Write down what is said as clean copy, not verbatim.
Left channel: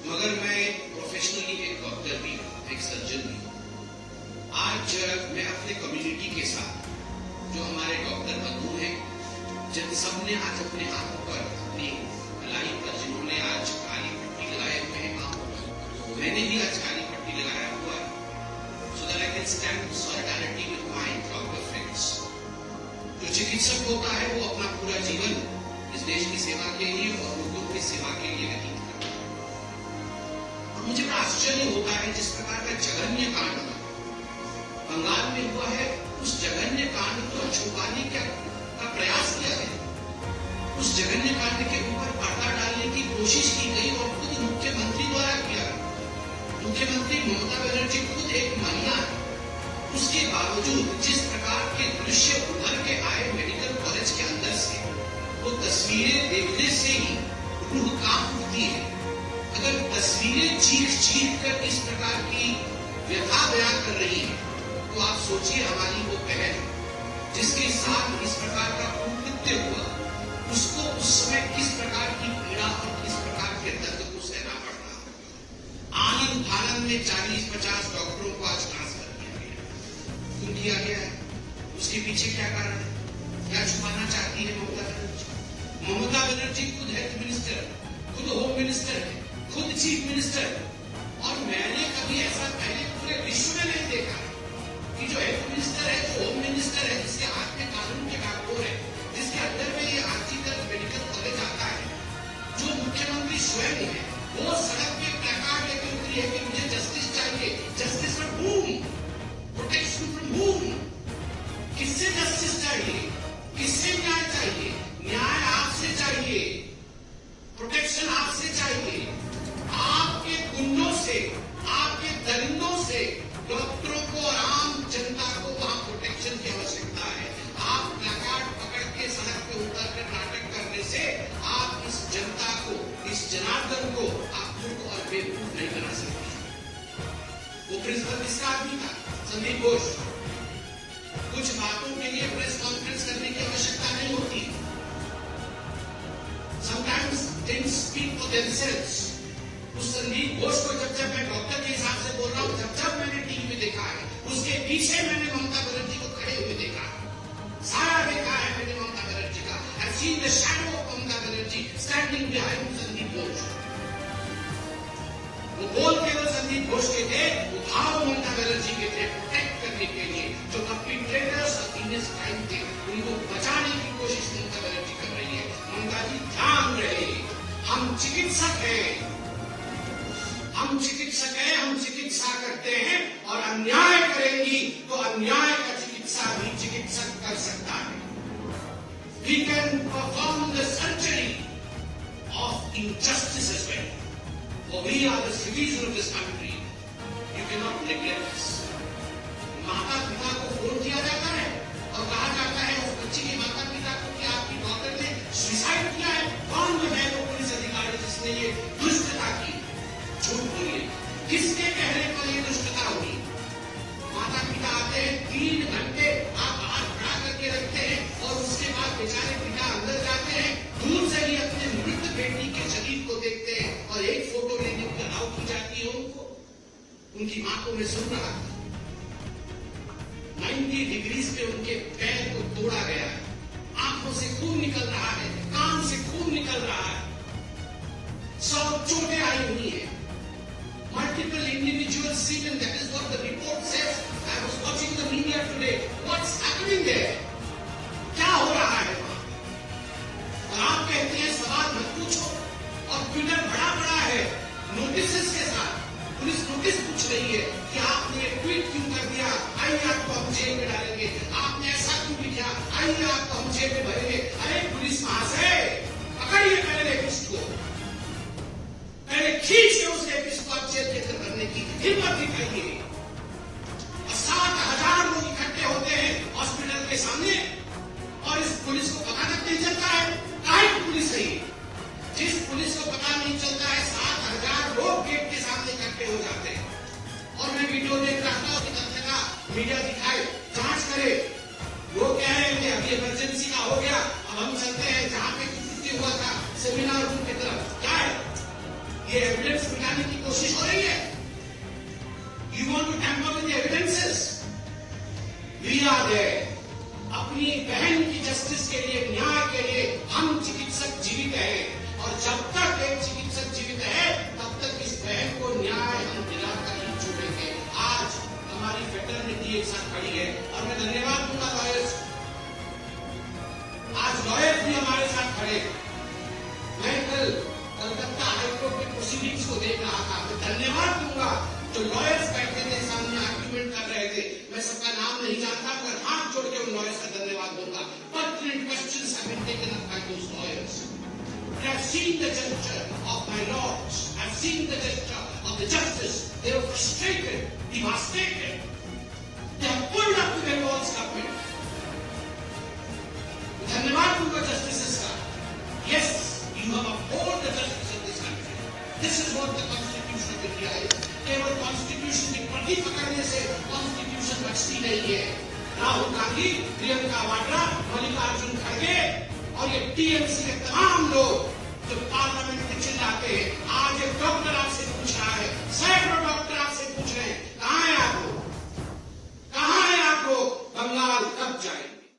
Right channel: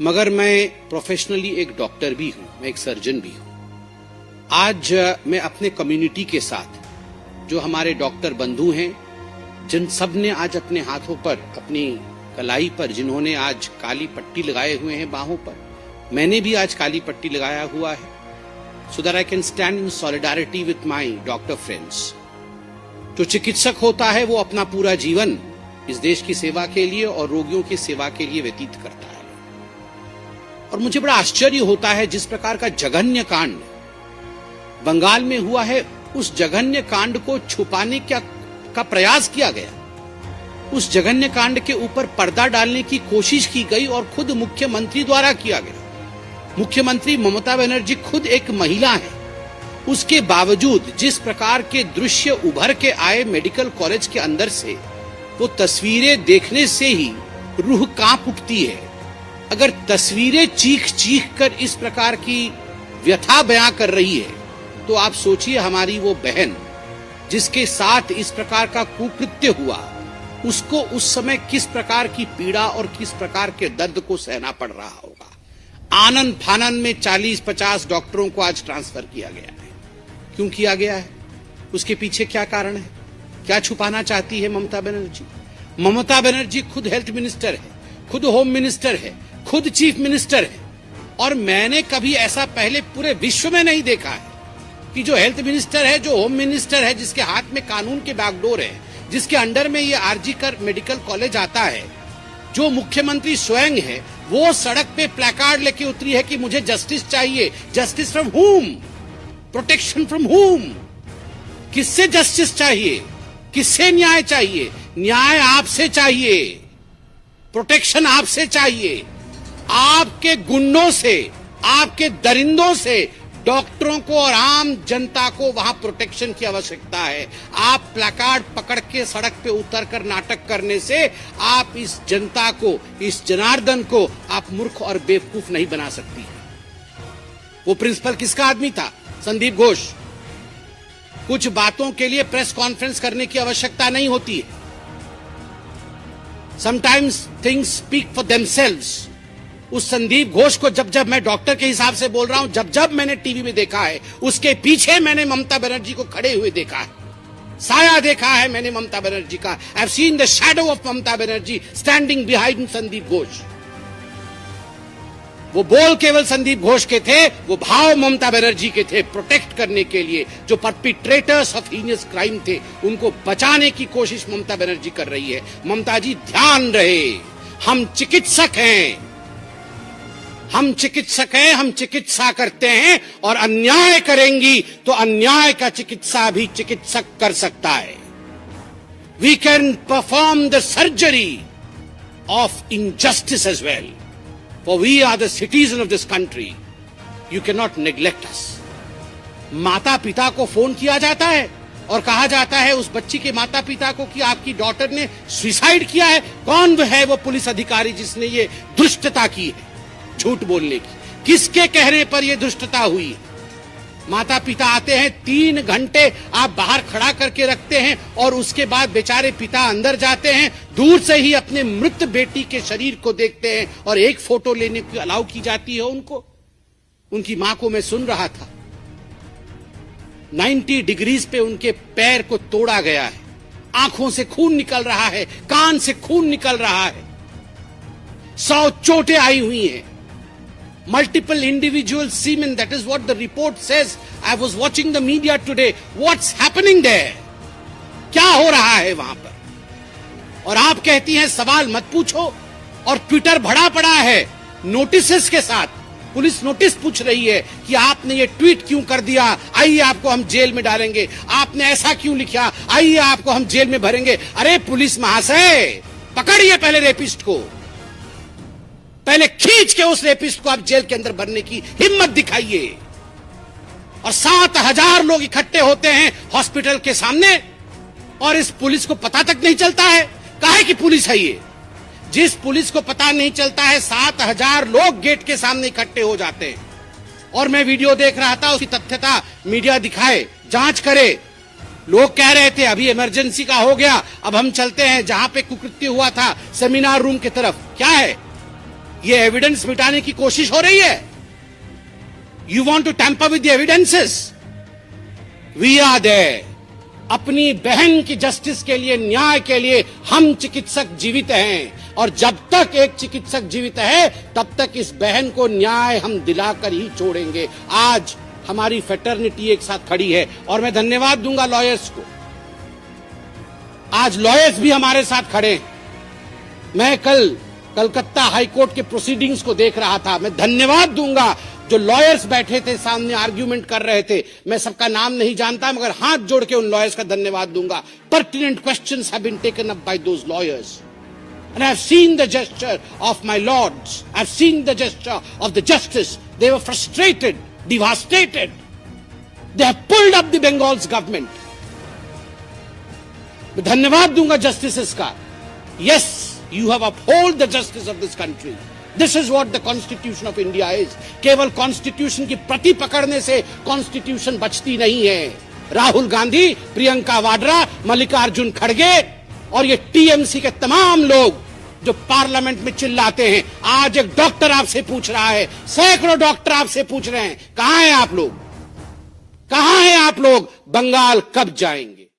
मगर मैं प्रोफेशनली एक डॉक्टर भी हूँ, मैं एक सर्जन भी हूँ। आज मैं अपने कम्युनिटी के साथ जो हमारे डॉक्टर बंधु हैं, जिन सब ने आज अपने हाथों पर, अपनी कलाई पर, जिन्होंने आज काली पट्टी लगाए हुए हैं बाहों पर, मैंने भी आज काली पट्टी लगाया हुआ है, so that I can stand in solidarity with my doctor friends। जो चिकित्सक होता है वो अपना पूरा जीवन इस देश की सेवा के लिए और रोगियों की सेवा के लिए व्यतीत करता है। और मुझे बड़ा आश्चर्य होता है जिस प्रकार का जघन्य कांड बंगाल में हुआ है, उस जघन्य कांड को छुपाने का प्रयास किया गया। उस जघन्य कांड के ऊपर पर्दा डालने की कोशिश की गई और खुद मुख्यमंत्री द्वारा किया गया। मुख्यमंत्री ममता बनर्जी खुद एक महिला है, उसके बावजूद जिस प्रकार के दृश्य उभर के आए मेडिकल कॉलेज के अंदर से, वो तस्वीरें देखने से ही रूह कांप उठती है। अगर तस्वीरें चीख चीख कर इस प्रकार की व्यथा बयां कर रही है, तो आप सोचिए हमारी वो बहन जिसके साथ इस प्रकार का कुकृत्य हुआ, उसको उस समय किस प्रकार की पीड़ा और किस प्रकार के दर्द को सहना पड़ रहा होगा। आनंद फानन में 40-50 डॉक्टरों को आज ट्रांसफर किया गया है। क्यों किया गया है? उसके पीछे क्या कारण है? क्या छुपाना चाहती है ममता बनर्जी? ममता बनर्जी खुद हेल्थ मिनिस्टर है, खुद होम मिनिस्टर है, खुद चीफ मिनिस्टर है। और मैंने कभी ऐसा पहले पूरे विश्व में नहीं देखा है कि जो हेल्थ मिनिस्टर है, जो होम मिनिस्टर है, जिसके हाथ में कानून के बागडोर है, जिसके अंडर में ये आरजी कर मेडिकल कॉलेज आता है, जो मुख्यमंत्री स्वयं है, वो सड़क पे प्लेकार्ड लेके उतरी है कि मुझे जस्टिस चाहिए। जस्टिस फ्रॉम हुम? प्रोटेक्शन फ्रॉम हुम? किससे जस्टिस चाहिए? किससे न्याय चाहिए? न्याय आपसे चाहिए, प्रोटेक्शन आपसे चाहिए। आपके गुंडों से, आपके दरिंदों से डॉक्टरों को और आम जनता को वहां प्रोटेक्शन की आवश्यकता है। आप प्लेकार्ड पकड़ के सड़क पे उतरकर नाटक करने से आप इस जनता को, इस जनार्दन को आप मूर्ख और बेवकूफ नहीं बना सकती। वो प्रिंसिपल किसका आदमी था? संदीप घोष। कुछ बातों के लिए प्रेस कॉन्फ्रेंस करने की आवश्यकता नहीं होती है। Sometimes things speak for themselves. उस संदीप घोष को जब मैं डॉक्टर के हिसाब से बोल रहा हूं, जब मैंने टीवी में देखा है, उसके पीछे मैंने ममता बनर्जी को खड़े हुए देखा है, साया देखा है मैंने ममता बनर्जी का। I have seen the shadow of Mamata Banerjee standing behind Sandip Ghosh. वो बोल केवल संदीप घोष के थे, वो भाव ममता बनर्जी के थे, प्रोटेक्ट करने के लिए। जो परपिट्रेटर्स ऑफ हीनियस क्राइम थे, उनको बचाने की कोशिश ममता बनर्जी कर रही है। ममता जी ध्यान रहे, हम चिकित्सक हैं, हम चिकित्सक हैं, हम चिकित्सा करते हैं, और अन्याय करेंगी तो अन्याय का चिकित्सा भी चिकित्सक कर सकता है। We can perform the surgery of injustice as well, for we are the citizen of this country. You cannot neglect us. माता पिता को फोन किया जाता है और कहा जाता है उस बच्ची के माता पिता को कि आपकी डॉटर ने सुसाइड किया है। कौन है वो पुलिस अधिकारी जिसने ये दुष्टता की है, झूठ बोलने की? किसके कहने पर ये दुष्टता हुई? माता पिता आते हैं, 3 घंटे आप बाहर खड़ा करके रखते हैं, और उसके बाद बेचारे पिता अंदर जाते हैं, दूर से ही अपने मृत बेटी के शरीर को देखते हैं, और एक फोटो लेने की अलाउ की जाती है उनको। उनकी मां को मैं सुन रहा था, 90 डिग्रीज पे उनके पैर को तोड़ा गया है, आंखों से खून निकल रहा है, कान से खून निकल रहा है, 100 चोटें आई हुई हैं। Multiple individual semen, that is what the report says. I was watching the media today. What's happening there? क्या हो रहा है वहां पर? और आप कहती हैं सवाल मत पूछो, और ट्विटर भरा पड़ा है नोटिसेस के साथ। पुलिस नोटिस पूछ रही है कि आपने ये ट्वीट क्यों कर दिया, आइए आपको हम जेल में डालेंगे। आपने ऐसा क्यों लिखा, आइए आपको हम जेल में भरेंगे। अरे पुलिस महाशय, पकड़िए पहले रेपिस्ट को, पहले खींच के उस रेपिस्ट को आप जेल के अंदर भरने की हिम्मत दिखाइए। और 7000 लोग इकट्ठे होते हैं हॉस्पिटल के सामने, और इस पुलिस को पता तक नहीं चलता है काहे की पुलिस है ये। जिस पुलिस को पता नहीं चलता है, 7000 लोग गेट के सामने इकट्ठे हो जाते हैं। और मैं वीडियो देख रहा था, उसकी तथ्यता मीडिया दिखाए, जांच करे। लोग कह रहे थे अभी इमरजेंसी का हो गया, अब हम चलते हैं जहां पे कुकृत्य हुआ था सेमिनार रूम की तरफ। क्या है, ये एविडेंस मिटाने की कोशिश हो रही है। You want to tamper with the evidences. We are there. अपनी बहन की जस्टिस के लिए, न्याय के लिए हम चिकित्सक जीवित हैं, और जब तक एक चिकित्सक जीवित है तब तक इस बहन को न्याय हम दिलाकर ही छोड़ेंगे। आज हमारी फेटर्निटी एक साथ खड़ी है, और मैं धन्यवाद दूंगा लॉयर्स को। आज लॉयर्स भी हमारे साथ खड़े हैं। मैं कल कलकत्ता हाईकोर्ट के प्रोसीडिंग्स को देख रहा था। मैं धन्यवाद दूंगा जो लॉयर्स बैठे थे सामने, आर्ग्यूमेंट कर रहे थे। मैं सबका नाम नहीं जानता, मगर हाथ जोड़ के उन लॉयर्स का धन्यवाद दूंगा। Pertinent questions have been taken up by those lawyers, and I have seen the gesture of my lords. I have seen the gesture of the justice. They were frustrated, devastated. They have pulled up the Bengal's government. मैं धन्यवाद दूंगा justices का। Yes, you have upheld the justice of this country. This is what the Constitution of India is. केवल constitution की प्रति पकड़ने से constitution बचती नहीं है। राहुल गांधी, प्रियंका वाड्रा, मल्लिकार्जुन खड़गे और ये टीएमसी के तमाम लोग जो पार्लियामेंट में चिल्लाते हैं, आज एक डॉक्टर आपसे पूछ रहा है, सैकड़ों डॉक्टर आपसे पूछ रहे हैं, कहां हैं आप लोग? कहां हैं आप लोग? बंगाल कब जाएंगे?